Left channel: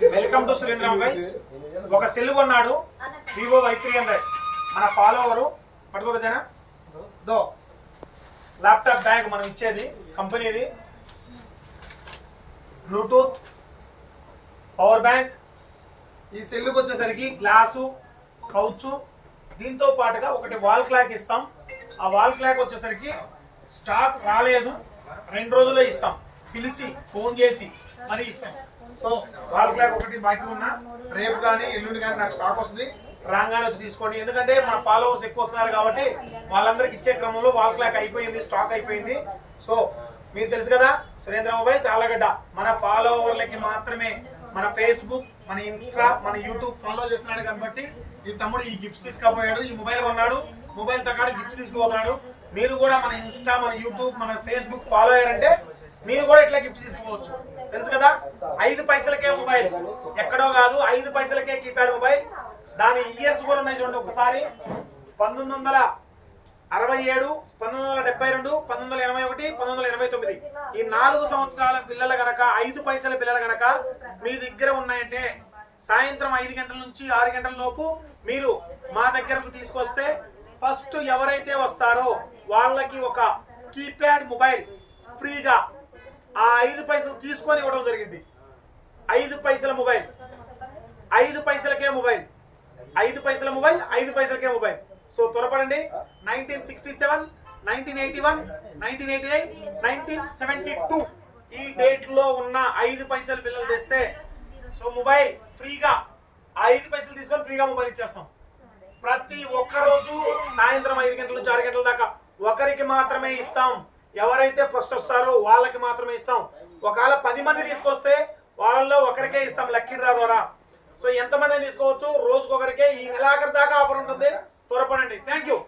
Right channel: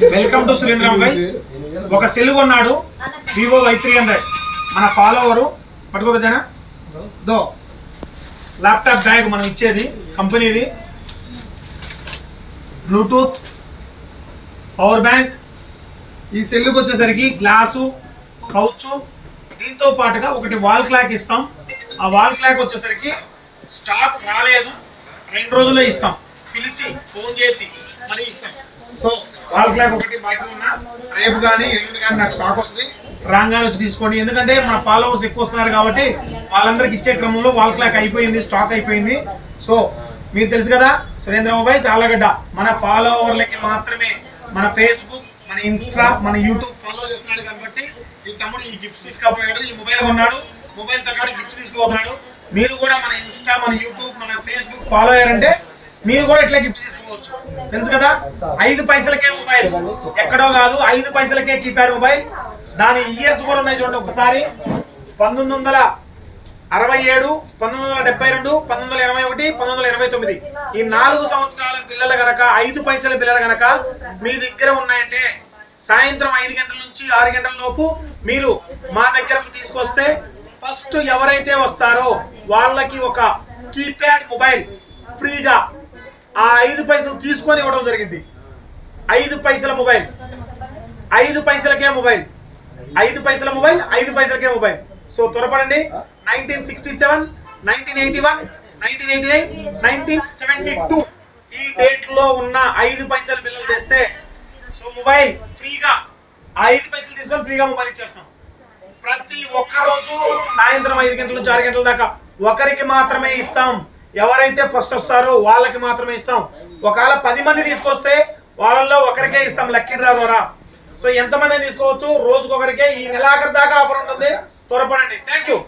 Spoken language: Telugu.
Welcome to Surendra mobiles. ఒక సెల్ కొన్నాడు వివో Y300. మన ఫాలోవరు పట్టుకోబోతేనా దో ల్యాప్టాప్ బ్యాగ్ మనం ఇచ్చేది కంపెనీది, బ్లూటూత్, పవర్ బ్యాంక్. ఈ సెల్కి వచ్చేసరికి గ్లాసు, కౌచు, దీంతో పాటుగా ఒకటి వాల్ క్లాక్ ఇస్తాం. ఆ వాల్ క్లాక్ వచ్చేసరికి స్టాక్ రాలేదు, 2 రోజుల్లో ఇస్తాం. పిలిచి ఫోన్ చేసి మరీ ఇస్తాం. సో వాల్ క్లాక్ ఒకటి బాకీ ఉన్నా రేపు కానీ ఎల్లుండి కానీ నాకు స్టాక్ వస్తుంది, రాగానే వచ్చి తీసుకోండి. ఎందుకంటే మన ఫాలోవర్స్ ఎక్కువ వస్తున్నారు కాబట్టి వాళ్ళందరికి ఇచ్చే క్రమంలో వాల్ క్లాక్ అయిపోయింది, స్టాక్ అయిపోయింది. సో మీకు తెలుసు కదా సురేంద్ర మొబైల్స్ ఆలగడ్డ మన ఫాలోవర్లకి మాత్రమే. మన ఫేస్బుక్, మన ఇన్స్టా, మన యూట్యూబ్ ఫాలో చేస్తున్నాడు కాబట్టి ఈ తమ్ముడు ఈ గిఫ్ట్స్ తీసుకుపోయాడు. ఈ మొబైల్ కొన్నాడు, మొబైల్ తో పాటు గిఫ్ట్స్ తీసుకుపోతున్నాడు. మీరు కూడా మన ఇన్స్టా, మన యూట్యూబ్, మన ఫేస్బుక్ ఫాలో అయ్యారంటే మీరు కూడా ఇట్లా గిఫ్ట్ తీసుకోవచ్చు. తెలుసు కదా 5 పైసలకే మొబైల్, ఎక్కడో కాదు 5 పైసలకే కీప్యాడ్ మొబైల్. దాని ఇయర్స్ కూడా ఉన్నాయి చూడండి ఒకసారి. 1967, 1972, 1981, 1989 ఈ 4 సంవత్సరాల పిల్లలు గనక 5 పైసల పిల్లలు గనక మీ దగ్గర ఉన్నాయంటే సాయంత్రం 5 గంటల నుంచి 6 గంటల లోపు మీరు మా దగ్గరకు తీసుకొస్తే ఫస్ట్ ఎవరైతే వస్తారో వాళ్ళకి ఒక కీప్యాడ్ మొబైల్ ఫ్రీగా ఆ 5 పైసలు తీసుకొని ఇవ్వడం జరిగింది. 5 పైసల మొబైల్, 5 పైసలకే మొబైల్, 5 పైసల మొబైల్, 5 పైసలకే మొబైల్. సో త్వరపడండి. 1967, 1981, 1989, 1972 ఈ డేట్ లో ఉన్న 5 పైసల బిల్లులు తెస్తే సో మొబైల్ ఫ్రీగా 5 పైసలు తీసుకొని ఫ్రీగా మొబైల్ ఇచ్చేస్తాం. ప్రతి ఒక్క రోజు సాయంత్రం 5 గంటల నుంచి 6 గంటల దాకా ఒకరికి మాత్రమే ఇస్తాం. ఎవరైతే ఫస్ట్ వస్తారో వాళ్ళకి మాత్రమే ఇస్తాం. ఒకవేళ 10 మంది తీసుకొస్తే వాళ్ళల్లో ఒకరికే ఇస్తాం లక్కీ డ్రా ద్వారా. సో ఎంతమంది తీసుకోవచ్చు, రోజుకొకరికే. ఈ నెలాఖరు దాకా ఆఫర్ ఉంటుంది, త్వరపడండి. Thank you.